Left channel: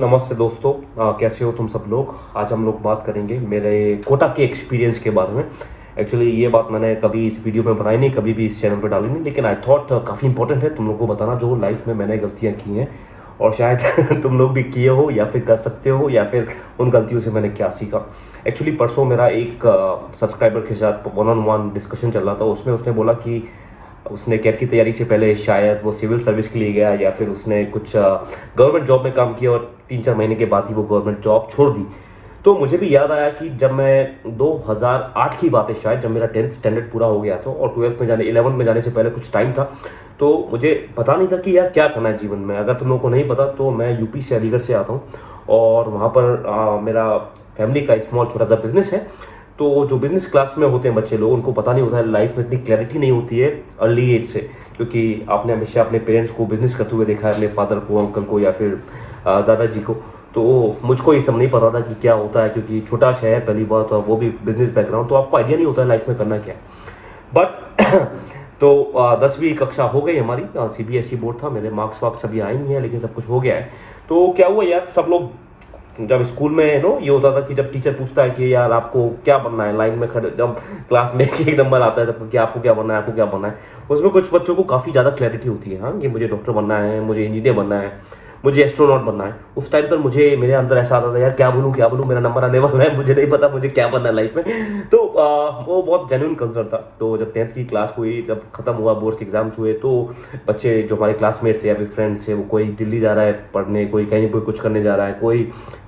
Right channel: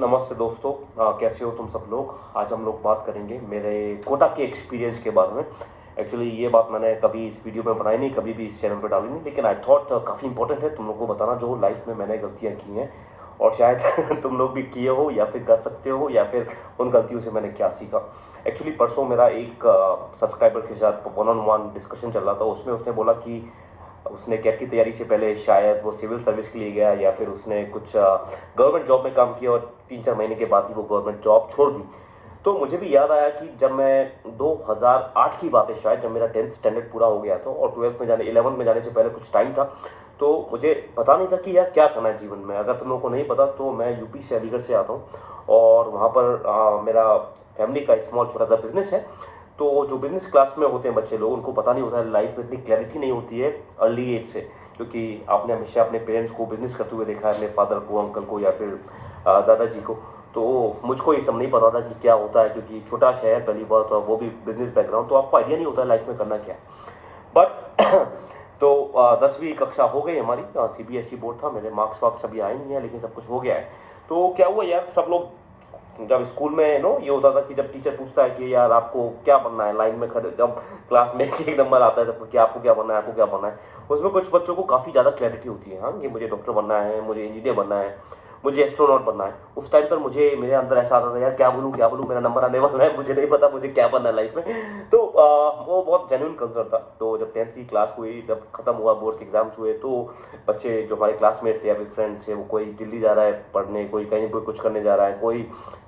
नमस्ते दोस्तों। कैसे हो तुम सब लोग। आज हम लोग बात करेंगे मेरे कोटा के एक्सपीरियंस के बारे में। एक्चुअली ये बात मैंने कभी इस वीडियो में बनाई नहीं, कभी भी इस चैनल पर डाली नहीं, लेकिन आई थॉट काफ़ी इंपॉर्टेंट है तुम लोग को बताना जो लाइफ में मैंने गलतियाँ की हैं और शायद तुम लोग भी किए हो या फिर कर सकते हो या फिर उन गलतियों से मैंने क्या सीखा। एक्चुअली परसों मेरा एक सब्सक्राइबर के साथ वन ऑन वन डिस्कशन चल रहा था। उसमें उसने बोला कि उसने कैट की तैयारी से पहले शायद वो सिविल सर्विस के लिए गया या फिर उसने कुछ गवर्नमेंट जॉब में काम किया और 3-4 महीने के बाद ही वो गवर्नमेंट जॉब छोड़ दी। तो मुझे भी याद आया कि जब मैं 2008 की बात है शायद, जब मेरा 10th स्टैंडर्ड पूरा हो गया था और 12th में जाने 11th में जाने से पहले कुछ टाइम था, तो मुझे पता नहीं था कि यार क्या करना है जीवन में। अगर तुम लोगों को नहीं पता तो मैं यूपी से अलीगढ़ से आता हूँ और वहाँ पर मेरा फैमिली का स्मॉल छोटा सा बिजनेस है। तो जो बिजनेस क्लास में होते हैं बच्चे लोग, उनको पता नहीं होता है, लाइफ में इतनी क्लैरिटी नहीं होती है अर्ली एज से, क्योंकि आपने हमेशा अपने पेरेंट्स को बिजनेस करते हुए देखा है, अपने फादर को, अंकल को या फिर दादाजी को। तो मुझको ये सब नहीं पता था कि क्या होता है, क्योंकि छोटा शहर पहली बात, और वो भी बिजनेस बैकग्राउंड, तो आपको आइडिया नहीं होता है लाइफ में करना क्या है। बट तो 10वीं कक्षा हो गई हमारी। सीबीएसई बोर्ड था, मेरे मार्क्स वार्क्स अभी आए नहीं है लेकिन सब कुछ हो गया है। तो क्या हुआ यार, सब लोग जब स्कूल में ये होता था कि जब टीचर पूछता है कि यार आपको क्या बनना है, लाइन में खड़े जब क्लास में एक नंबर आता है सबको कि आपको क्या बनना है, आपको क्या बनना है। उसमें कुछ बच्चों को काफ़ी ज़्यादा क्लैरिटी होती है, हाँ, कि मुझे डॉक्टर बनना है, मुझे इंजीनियर बनना है, मुझे एस्ट्रोनॉट बनना है। उस टाइम पर मुझे मेरे अंदर ऐसा आता था यार क्या बोलूँ, मेरा नंबर आने वाला है, मुझे नहीं पता मुझे क्या बनना है लाइफ में। तो वो बहुत जेन्युइन कंसर्न था। तो जब 10th की क्लास हुई, जब खत्म हुआ, बोर्ड के एग्जाम्स हुए, तो बच्चे जो हमारे क्लासमेट्स या फिर फ्रेंड्स है, वो कोई दिल्ली जा रहा है पढ़ने, कोई कहीं पर कुछ करने जा रहा है, कोई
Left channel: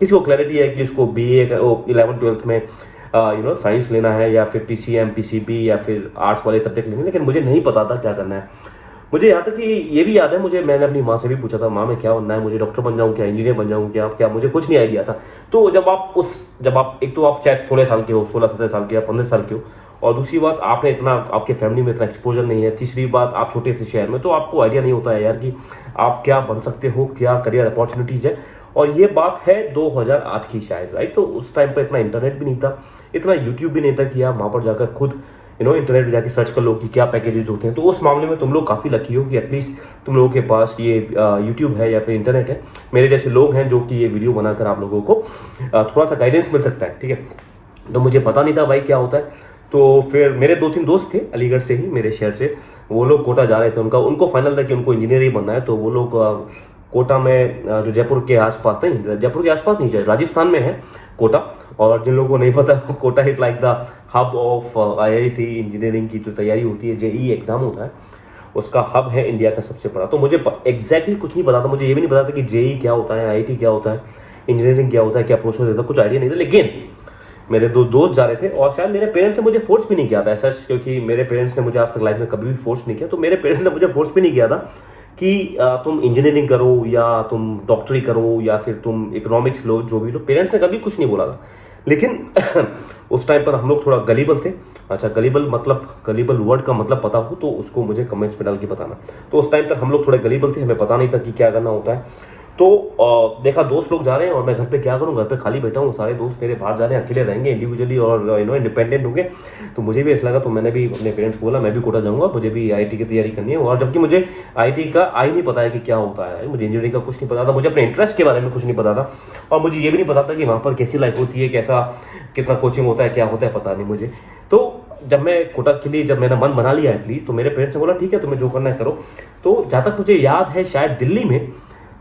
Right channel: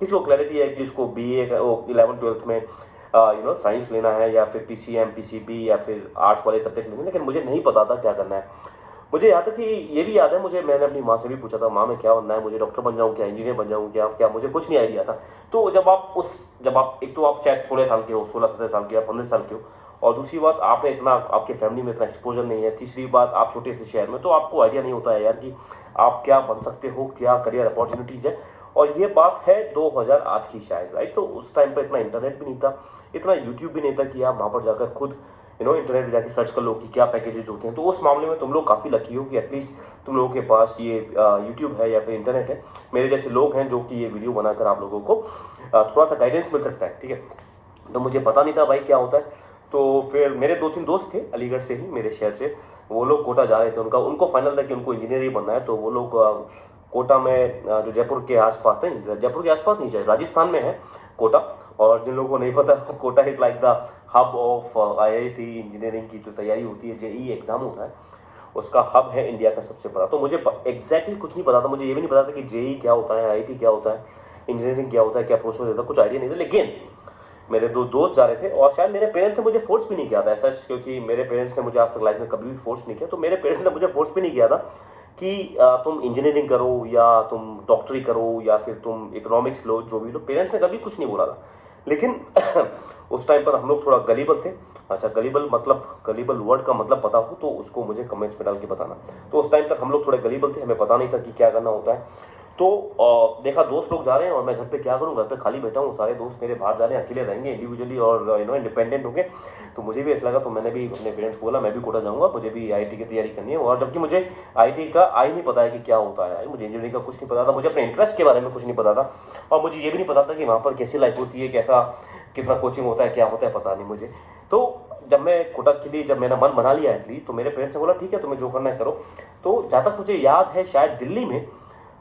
किसी को क्लैरिटी है कि जिसको बीए 11th 12th में साइंस लेना है या फिर पीसीएम पीसीबी या फिर आर्ट्स वाले सब्जेक्ट लेने, लेकिन मुझे नहीं पता था क्या करना है। मुझे यहाँ तक कि ये भी याद है, मुझे मैंने अपनी माँ से भी पूछा था, माँ मैं क्या बनना है, मुझे डॉक्टर बन जाऊँ क्या, इंजीनियर बन जाऊँ क्या, क्या, मुझे कुछ नहीं आइडिया था। तो जब आप एक तो आप चाहे 16 साल के हो, 16-17 साल के या 15 साल के हो, और दूसरी बात आपने इतना, आपके फैमिली में इतना एक्सपोजर नहीं है, तीसरी बात आप छोटे से शहर में, तो आपको आइडिया नहीं होता है यार कि आप क्या बन सकते हो, क्या करियर अपॉर्चुनिटीज है। और ये बात है 2008 की शायद, राइट। तो उस टाइम पर इतना इंटरनेट भी नहीं था, इतना यूट्यूब भी नहीं था कि आप वहाँ पर जाकर खुद इंटरनेट पे जाके सर्च कर लो कि क्या पैकेजेस होते हैं। तो उस मामले में तुम लोग काफ़ी लकी हो कि एटलीस्ट तुम लोगों के पास ये यूट्यूब है या फिर इंटरनेट है। मेरे जैसे लोग हैं जो कि ये वीडियो बनाकर आप लोगों को थोड़ा सा गाइडेंस मिल सकता है, ठीक है। तो मुझे पता नहीं था भाई क्या होता है। तो फिर मेरे 2-3 दोस्त थे अलीगढ़ से ही, मेरे शहर से, वो लोग कोटा जा रहे थे। उनको फाइनल था कि उनको इंजीनियर ही बनना है। तो वो लोग कोटा में जो जयपुर के आसपास, नहीं जयपुर के आसपास नहीं, राजस्थान में है कोटा। और जिन लोगों को नहीं पता, Kota is like the hub of IIT engineering की जो तैयारी होती है, जेई एग्जाम होता है, उसका हब है इंडिया का सबसे बड़ा। तो मुझे एग्जैक्टली कुछ नहीं पता था, मुझे ये भी नहीं पता था कि जेई क्या होता है, आईआईटी क्या होता है, इंजीनियरिंग क्या होता है, क्या प्रोसेस होता है, कुछ आइडिया नहीं था। लेकिन मेरे दो दोस्त जा रहे थे और शायद मेरे पेरेंट्स ने मुझे फोर्स भी नहीं किया था ऐसा, क्योंकि मेरे पेरेंट्स ने मुझे आज तक लाइफ में कभी भी फोर्स नहीं किया। तो मेरे पेरेंट्स ने मुझे फोर्स भी नहीं किया था कि तुम इंजीनियरिंग करो या तुम डॉक्टरी करो या फिर तुम इकोनॉमिक्स लो, जो भी लो, पेरेंट्स ने कभी कुछ नहीं बोला था। लेकिन उस टाइम पर हम लोग थोड़ा गलीबल थे। अच्छा, गलीबल वर्ड का मतलब पता हो तो उसको मुझे कमेंट्स में डाल के बताना। तो उस टाइम पर हम लोग थोड़े गलीबल थे, हमें पता नहीं था कि क्या करना होता है। तो देखा दोस्त लोग जा रहे हैं और मैं घर पे क्या करूं, घर पे खाली बैठा हूं, सारे दोस्त मेरे बाहर जा रहे हैं, अकेले रहेंगे इंडिविजुअली और इंडिपेंडेंट होंगे। तो मुझे भी ऐसा लगा, तो मैंने भी अपने पेरेंट्स को बोला मैं भी कोटा जाऊंगा, मुझे भी आईआईटी की तैयारी करनी है। और जबकि मुझे आईआईटी का आई नहीं पता है कि क्या होता है, मुझे इंजीनियरिंग का कुछ नहीं पता था, मुझे अपने इंटरेस्ट के बारे में कुछ नहीं पता था, और मुझे ये भी नहीं पता था कि वहाँ पर कैसी लाइफ होती है, कैसा कितना कोचिंग होता है, क्या होता है, पता नहीं मुझे। तो जब मैं कोटा के लिए, जब मैंने मन बना लिया एटलीस्ट, तो मेरे पेरेंट्स ने बोला ठीक है तुम्हें जो करना है करो। तो जहाँ तक मुझे याद है शायद दिल्ली में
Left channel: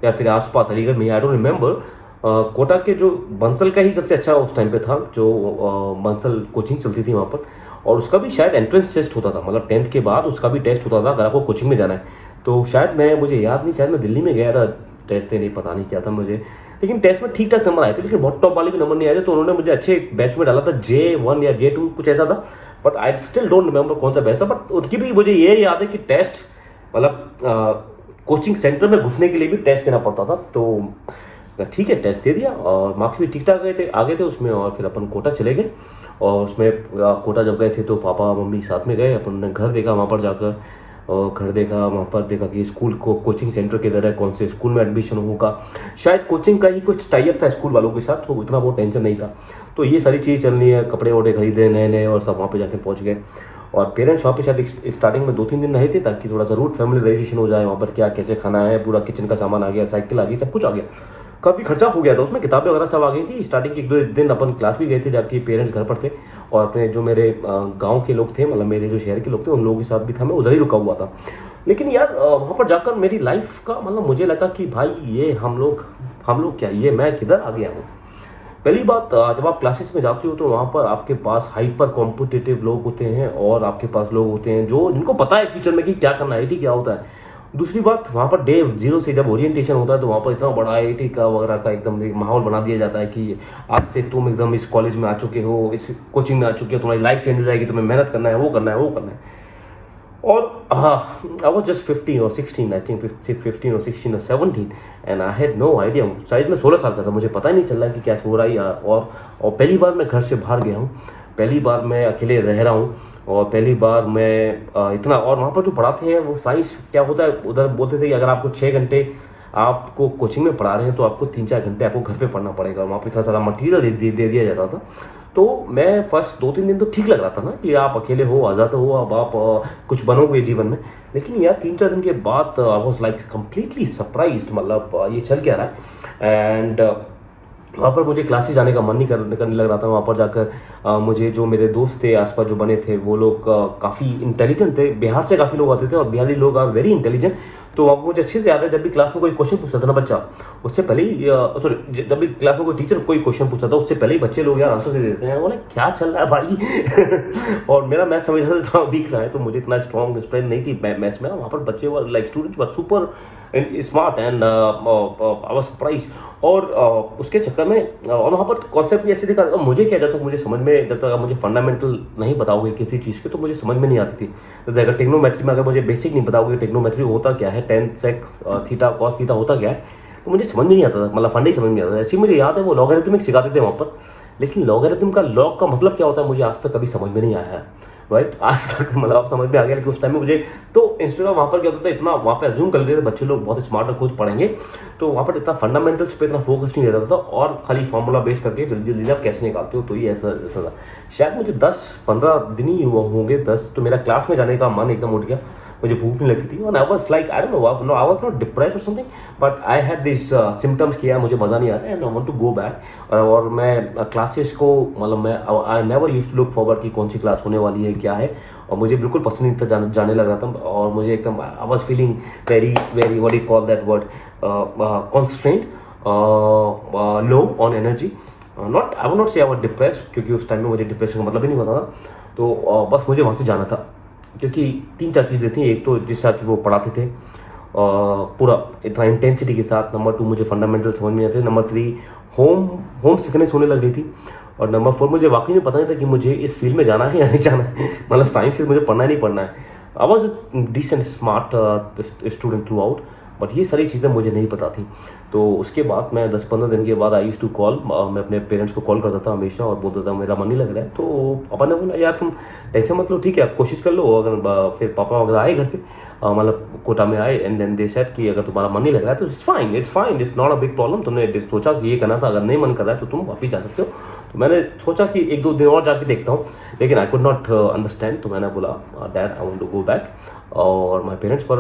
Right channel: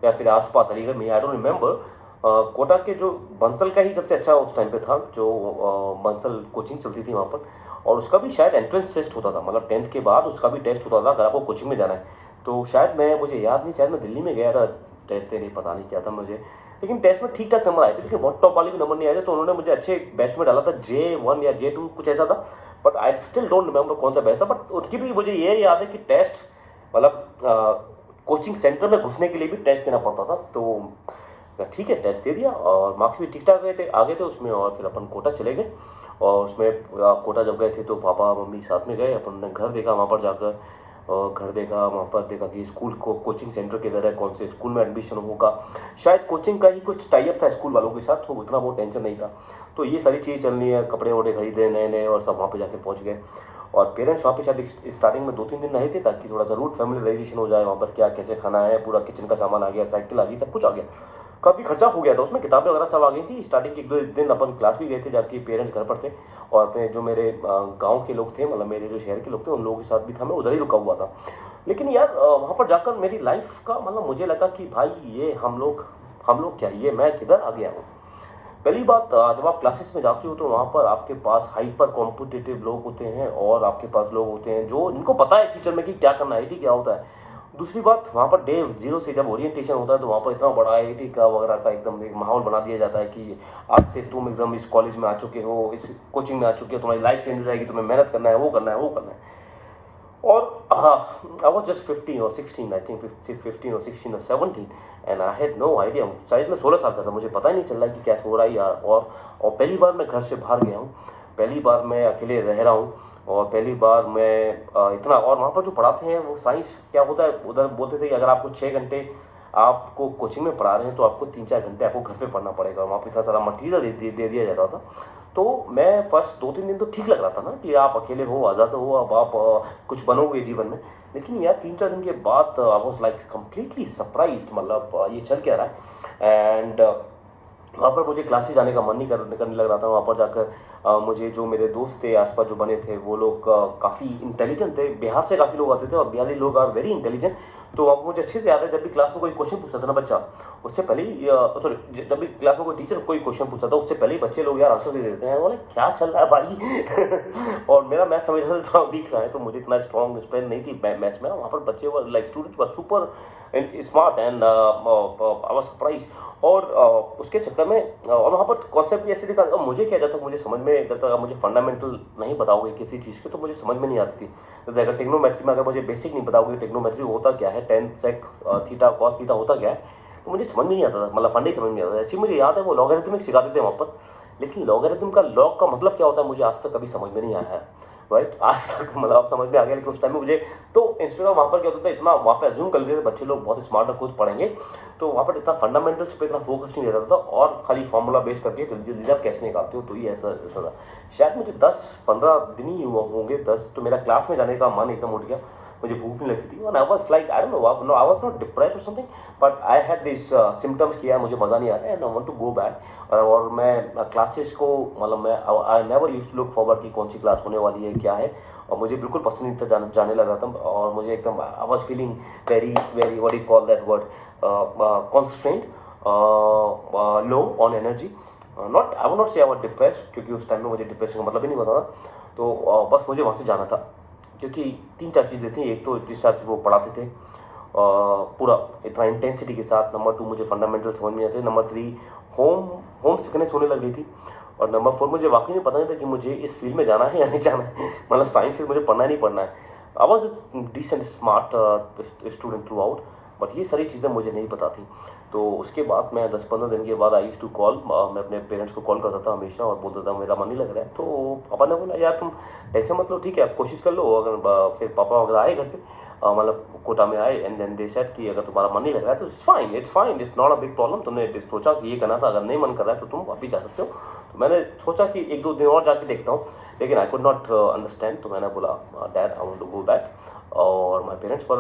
या फिर आसपास अलीगढ़ में, आई डोंट रिमेंबर, कोटा के जो बंसल का ही सबसे अच्छा उस टाइम पे था, जो बंसल कोचिंग चलती थी वहाँ पर। और उसका भी शायद एंट्रेंस टेस्ट होता था, मतलब 10th के बाद उसका भी टेस्ट होता था अगर आपको कोचिंग में जाना है। तो शायद मुझे याद नहीं, शायद मैं दिल्ली में गया था टेस्ट देने, पता नहीं क्या था मुझे, लेकिन टेस्ट में ठीक ठाक नंबर आए थे, लेकिन बहुत टॉप वाले भी नंबर नहीं आए थे। तो उन्होंने मुझे अच्छे बैच में डाला था, J1 या J2 कुछ ऐसा था, but I still don't remember कौन सा बैच था। बट उनकी भी मुझे ये याद है कि टेस्ट, मतलब कोचिंग सेंटर में घुसने के लिए भी टेस्ट देना पड़ता था। तो ठीक है, टेस्ट दे दिया और मार्क्स भी ठीक ठाक आ गए थे उसमें। और फिर अपन कोटा चले गए। और उसमें कोटा जब गए थे तो पापा मम्मी साथ में गए, अपन ने घर देखा वहाँ पर जाकर, और घर देखा, वहाँ पर देखा कि स्कूल को कोचिंग सेंटर किधर है, कौन से स्कूल में एडमिशन होगा। शायद कोचिंग का ही कुछ टाइप था स्कूल वालों के साथ, तो इतना बहुत टेंशन नहीं था। तो ये सारी चीज़ चलनी है, कपड़े वपड़े खरीदे नए नए, और सब वहाँ पे जाके पहुँच गए। और पेरेंट्स वहाँ पे शायद स्टार्टिंग में 2-3 दिन रहे थे, ताकि थोड़ा सा रूट फैमिलाइजेशन हो जाए, वहाँ पर क्या कैसे खाना है, पूरा किचन का सामान आ गया, साइकिल आ गई, सब कुछ आ गया। काफ़ी खर्चा हो गया था उसमें, किताबें वगैरह सब आ गई थी। स्टार्टिंग के 1-2 दिन अपन क्लास भी गए थे, जबकि पेरेंट्स घर पर थे और अपने जो मेरे गांव के लोग थे, मतलब मेरे जो शहर के लोग थे, उन लोगों के साथ भी था, मैं उधर ही रुका हुआ था। लेकिन यार वहाँ पर जाकर मेरी लाइफ का मतलब मुझे लगा कि भाई ये हम लोग क्या, ये मैं किधर आ गया हूँ। पहली बात, जब आप क्लासेस में जाते हो तो वहाँ पर आपके पास हाइपर कॉम्पिटिटिव लोग होते हैं और आपके पास लोग होते हैं जो जिनको पता है फ्यूचर में कि क्या करना है, आईटी क्या होता है। दूसरी बात, वहाँ पर डे जीरो से जब ओरिएंटेशन होता है तो वहाँ पर इतना बड़ा आईटी का वगैरह का एकदम एक माहौल बना दिया जाता है कि आज से तुम एकदम इस कॉलेज में आ चुके हो, इस कोचिंग में आ चुके हो, तुम्हारी लाइफ चेंज हो जाएगी, तुम्हें मेहनत करना है, वो करना है, वो करना है। और आई वॉज जस्ट 15 और 16, आई थिंक 15 और 16 और 17, and I had no idea. शायद मैं 16 साल का था, मुझे पता ही नहीं चल रहा है कि क्या हो रहा है। और पहली बार मैं घर से बाहर गया हूँ, पहली बार मैं अकेले रह रहा हूँ, और पहली बार मैं इतना। और वहाँ पर जो पढ़ाते हैं वो साइंस क्या होता है, उधर बोलते थे कि अगर आपको 6 घंटे आपको कोचिंग में पढ़ा रहे हैं तो आपको 3-4 घंटे आपको घर पे पढ़ना पड़ेगा। वहाँ पर इतना सारा मटीरियल दे दिया जाता था। तो मैं फर्स्ट 2-3 दिन तो ठीक लग रहा था ना कि आप अकेले हो, आज़ाद हो, अब आप कुछ बनोगे जीवन में। लेकिन यार 3-4 दिन के बाद I was like completely surprised, मतलब ये चल क्या रहा है। एंड वहाँ पर मुझे क्लासेस जाने का मन नहीं करने लग रहा था। वहाँ पर जाकर मुझे जो मेरे दोस्त थे आसपास जो बने थे वो लोग काफ़ी इंटेलिजेंट थे। बिहार से काफ़ी लोग आते थे और बिहारी लोग आर वेरी इंटेलिजेंट। तो वहाँ पर मुझे अच्छे से याद है, जब भी क्लास में कोई क्वेश्चन पूछता था ना बच्चा, उससे पहले ही सॉरी, जब भी क्लास में कोई टीचर कोई क्वेश्चन पूछता था उससे पहले ही बच्चे लोग यार आंसर दे देते हैं। बोले क्या चल रहा है भाई और मेरा मैथ्स हमेशा से थोड़ा वीक रहा है, तो मुझे इतना स्ट्रॉन्ग स्ट्रेंथ नहीं थी मैथ्स में। वहाँ पर बच्चे were like students were super smart and I was surprise. और उसके चक्कर में और वहाँ पर कॉन्सेप्ट भी ऐसे दिखा। और मुझे क्या, जब तक मुझे समझ में, जब तक आप मुझे फंडामेंटल नहीं बताओगे किसी चीज़ के तो मुझे समझ में नहीं आती थी। जैसे अगर टेक्नोमेट्री में अगर मुझे बेसिक नहीं बताओगे टेक्नोमेट्री होता क्या है, tan sec theta cos theta होता क्या है, तो मुझे समझ में नहीं आता था, मतलब फंडे ही समझ में नहीं आता था। ऐसे मुझे याद है वो लॉगरिथमिक सिखाते थे वहाँ पर, लेकिन लॉगरिथम का लॉग का मतलब क्या होता है मुझे आज तक कभी समझ में नहीं आया है। राइट, आज तक मतलब आप समझ में आ गया, लेकिन उस टाइम में मुझे तो इंस्टेड ऑफ वहाँ पर क्या होता था, इतना वहाँ पे अज्यूम कर लेते थे बच्चे लोग बहुत स्मार्ट और खुद पढ़ेंगे, तो वहाँ पर इतना फंडामेंटल्स पे इतना फोकस नहीं रहता था और खाली फॉर्मूला बेस करके जल्दी जल्दी आप कैसे निकालते हो, तो ये ऐसा था। शायद मुझे 10-15 दिन ही होंगे, 10, तो मेरा क्लास में जाने का मन एकदम उठ गया, मुझे भूख नहीं लगती थी। और I was like I don't know, I was not depressed और something, but I had this symptoms कि यार मुझे मज़ा नहीं आ रहा है and I want to go back. और मैं क्लासेस को मतलब मैं I never used to look forward कि कौन सी क्लास होने वाली है क्या है, और मुझे बिल्कुल पसंद नहीं था, जाने लग रहा था। और मुझे एकदम I was feeling very very what you call that word, constraint, low on energy. Not I would not से आई वाज डिप्रेस्ड, क्योंकि उस टाइम में मुझे डिप्रेशन का मतलब ही नहीं पता था। तो बस मुझे वहाँ से जाना था, क्योंकि 3-4 चीज़ें थी। एक तो जिस हिसाब से वो पढ़ाते थे पूरा इतना इंटेंसिटी के साथ, नंबर 2 मुझे फंडामेंटल समझ में आते थे, नंबर 3 होम सिकनेस होने लग रही थी, और नंबर 4 मुझे वाकई में पता नहीं था कि मुझे इस फील्ड में जाना है या नहीं जाना है। मतलब साइंस से मुझे पढ़ना ही नहीं पढ़ना है। I was decent smart student throughout, but ये सारी चीज़ें मुझे नहीं पता थी। तो उसके बाद मैं 10-15 दिन के बाद आई यूज्ड टू कॉल, मैं अपने पेरेंट्स को कॉल करता था हमेशा और बोलता था मेरा मन नहीं लग रहा है। तो पापा ने बोला यार तुम टेंशन मत लो, ठीक है आप कोशिश कर लो। अगर फिर पापा वगैरह आए घर पे, मतलब कोटा में आए, एंड देन दे सेड कि अगर तुम्हारा मन नहीं लग रहा है तो it's fine, it's not a big problem. तुमने सोचा कि ये करना था, अगर नहीं मन कर रहा है तो तुम वापिस जा सकते हो। तो मैंने सोचा कि 1-2 दिन और जाके देखता हूँ, लेकिन आई कुड नॉट अंडरस्टैंड। तो मैंने बोला dad I want to go back. और माय पेरेंट्स पर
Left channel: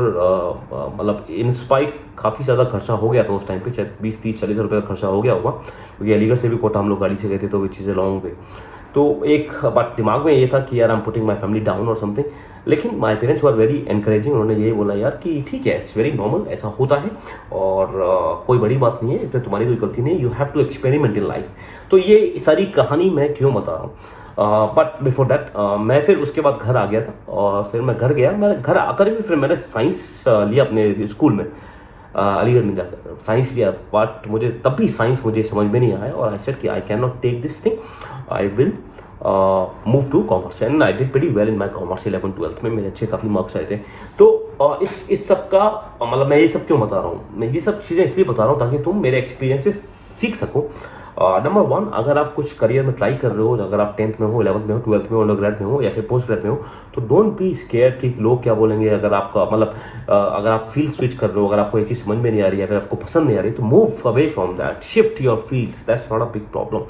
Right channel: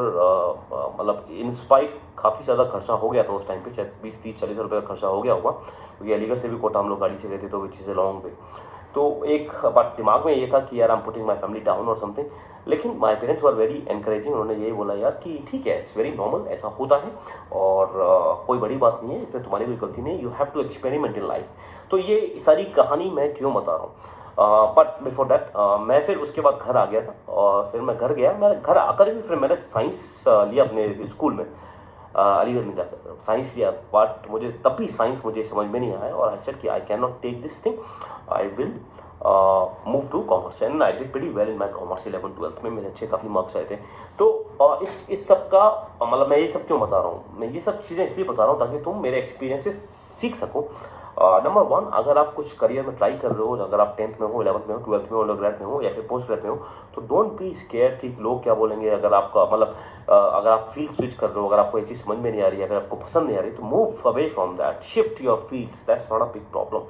मतलब इंस्पाइट काफ़ी ज़्यादा खर्चा हो गया था उस टाइम पे, शायद 20-30-40 रुपये का खर्चा हो गया होगा, क्योंकि अलीगढ़ से भी कोटा हम लोग गाड़ी से गए थे, तो which is a long way. तो एक बात दिमाग में ये था कि यार I am putting my family down और समथिंग, लेकिन my parents were very encouraging. उन्होंने ये बोला यार कि ठीक है, इट्स वेरी नॉर्मल, ऐसा होता है और कोई बड़ी बात नहीं है, इसमें तुम्हारी कोई गलती नहीं है, you have to experiment in life. तो ये सारी कहानी मैं क्यों बता रहा हूँ, बट बिफोर दैट मैं फिर उसके बाद घर आ गया था। और फिर मैं घर गया, मैंने घर आकर भी फिर मैंने साइंस लिया अपने स्कूल में, अलीगढ़ में जाकर साइंस लिया। बट मुझे तब भी साइंस मुझे समझ में नहीं आया, और आई सेड कि I can not take this thing, I will move to commerce, and I did pretty well in my commerce. 11th-12th में मेरे अच्छे काफ़ी मार्क्स आए थे। तो इस सब का मतलब मैं ये सब क्यों बता रहा हूँ, मैं ये सब चीज़ें इसलिए बता रहा हूँ ताकि तुम मेरे एक्सपीरियंस से सीख सको। नंबर 1, अगर आप कुछ करियर में ट्राई कर रहे हो, अगर आप 10th में हो, 11th में हो, 12th में हो, अंडरग्रेड में हो या फिर पोस्ट ग्रेड में हो, तो डोंट बी स्केयर्ड कि लोग क्या बोलेंगे। अगर आपका मतलब अगर आप फील्ड स्विच कर रहे हो, अगर आपको एक चीज़ समझ में नहीं आ रही है, फिर आपको पसंद नहीं आ रही, तो move away from that, shift your fields, that's not a big problem.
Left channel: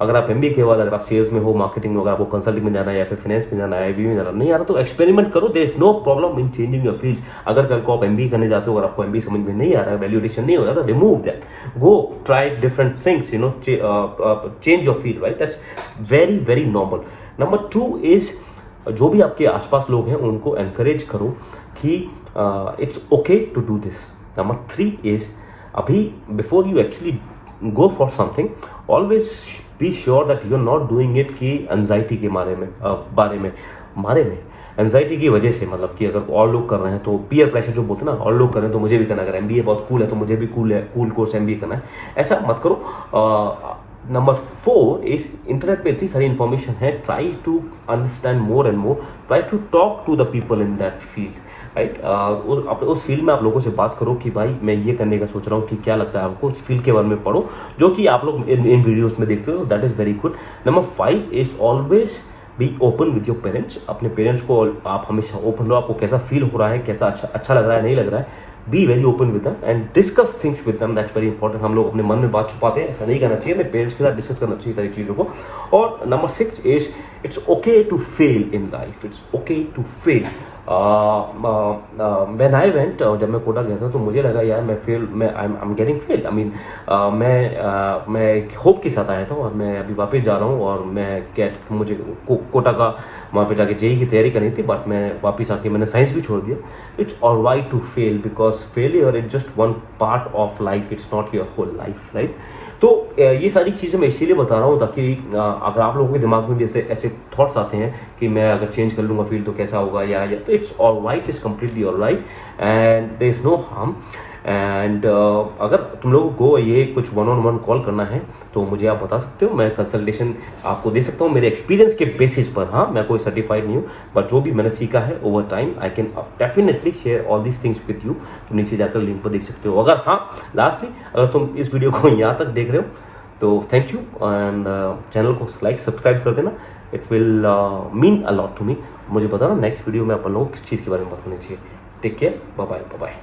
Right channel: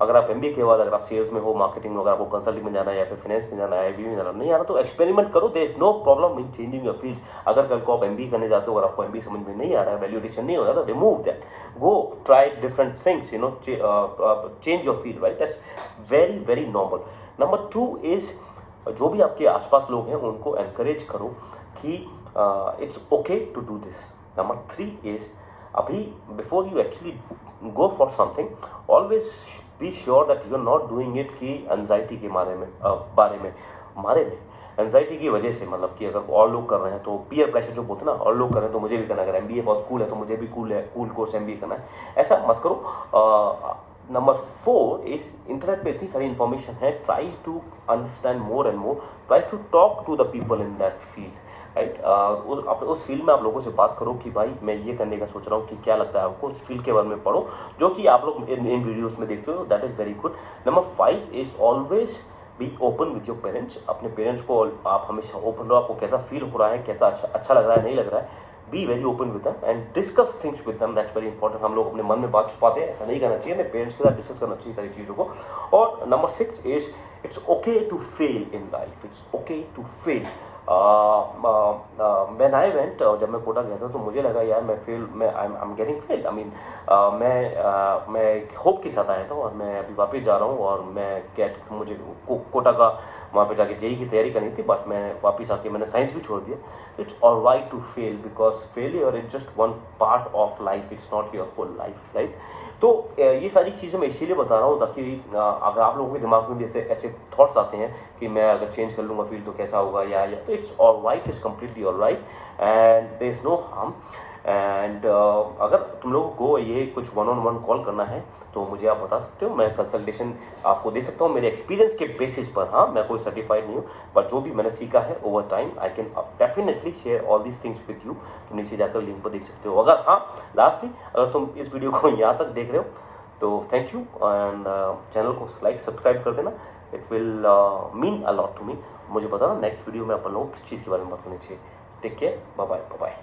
अगर आप MBA के बाद अगर आप सेल्स में हो, मार्केटिंग में, अगर आपको कंसल्टिंग में जाना है या फिर फाइनेंस में जाना है, IB में जाना नहीं आ रहा तो एक्सपेरिमेंट करो, there is no problem in changing your field. अगर कल को आप MBA करने जाते हो, अगर आपको MBA समझ में नहीं आ रहा है, वैल्यूएशन नहीं हो रहा तो remove that, go try different things, you know, change your field, right? That's very very normal. Number 2 is जो भी आपके आसपास लोग हैं उनको एनकरेज करो कि it's okay to do this. Number 3 is अभी before you actually go for something always be sure that you are not doing it कि एंजाइटी के बारे में एंजाइटी की वजह से, मतलब कि अगर और लोग कर रहे हैं तो पीयर प्रेशर जो बोलते हैं ना, और लोग कर रहे हैं तो मुझे भी करना है, अगर MBA बहुत कूल है तो मुझे भी कूल कोर्स MBA करना है, ऐसा मत करो। नंबर 4 इज इंटरनेट पे इतनी सारी इन्फॉर्मेशन है, try to understand more and more, try to talk to the people in that field, right? उस फील्ड में आप लोगों से बात करो कि भाई मैं ये करने का सोच रहा हूँ कि क्या लगता है आपको, उस फील्ड के बारे में पढ़ो जो कि आप लोग इन वीडियोस में देखते हो, that is very good. Number 5 is always be open with your parents. अपने पेरेंट्स को आप हमेशा ओपन रहो, आपको कैसा फील हो रहा है, कैसा अच्छा लग रहा है, नहीं लग रहा है, be very open with them and discuss things with them, that's very important. हम लोग अपने मन में बात छुपाते हैं, ऐसा नहीं करना चाहिए, अपने पेरेंट्स के साथ डिस्कस करना चाहिए सारी चीज़ों को। और number 6 is it's okay to fail in life, it's okay to fail. When I went, जब मैं कोटा गया था तो मुझे लगा यार मैं I am getting fail, I mean मैं एक होप के साथ आया था और मैं अभी वापस जा रहा हूँ और मुझे कोटा का वहाँ पे जाके JEE की तैयारी करनी थी, बट मैं वापस आके मैंने साइंस भी छोड़ दिया। It's alright to fail because failure is just one part of life, it's not your whole life, right? तो ये सारी चीज़ें मैं इसीलिए बता रहा हूँ ताकि अगर आप लोगों के दिमाग में भी ऐसे थॉट्स आते हैं कि मैं अगर चेंज कर लूँगा फील्ड तो कैसा होगा या तो it's alright, it's completely alright and there is no harm. एंड अगर तुम लोगों को ये कुछ 1-on-1 कॉल करना है तो मुझे आप बता सकते हो, मैं कंसल्टेशन आपको दे सकता हूँ मेरे एक्सपीरियंस के बेसिस पर। हाँ, मैं कोई सर्टिफाइड नहीं हूँ, बट जो भी मैंने सीखा है over time I can definitely share all these things with you. तो नीचे जाकर लिंक पर देख सकते हो। अगर हाँ, लास्टली अगर तुम इस वीडियो को यहाँ तक देख रहे हो तो थैंक यू एंड चैनल को लाइक सब्सक्राइब कर देना, it will mean a lot to me. मुझे बताना नेक्स्ट वीडियो में अपन लोगों को किस चीज़ के बारे में बात करनी चाहिए। Take care, bye bye.